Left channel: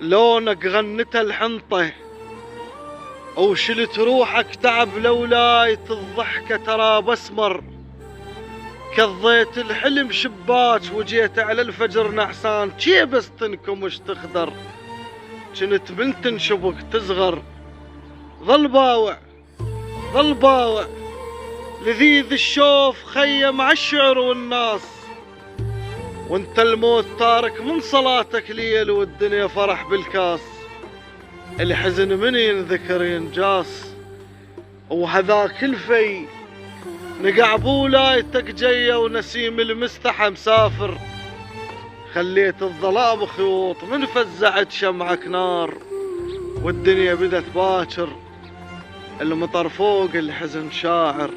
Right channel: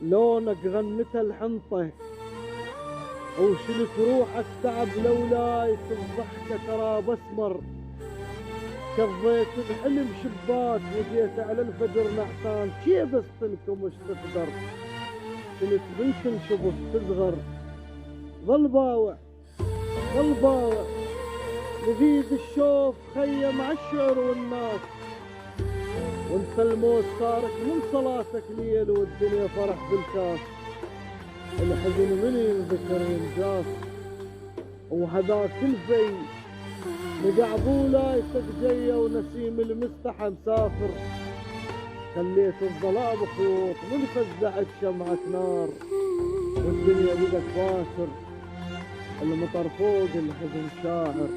لونك غنت الحنطة وشلت روحك تعب لولاية الضحكة ترى بسمر. كضيت الحلم شباك وجيت على الفجر نعسان شي بس تنكمش تخضر. كنت بنت نشبك تصغر. ظل باوع ظل باوع لذيذ الشوف خيم عالشعر والناس. وانت الموت تارك من صلاتك ليل والدنيا فرح بالكاس. الحزن من ينذكر ينجاس وهذاك الفي نقع بولايتك جاية ونسيم المستحى مسافر. خليت الظلام خيوط من فزعت شمعك نار والدنيا بدت باكر. المطر فوق الحزن شاعر.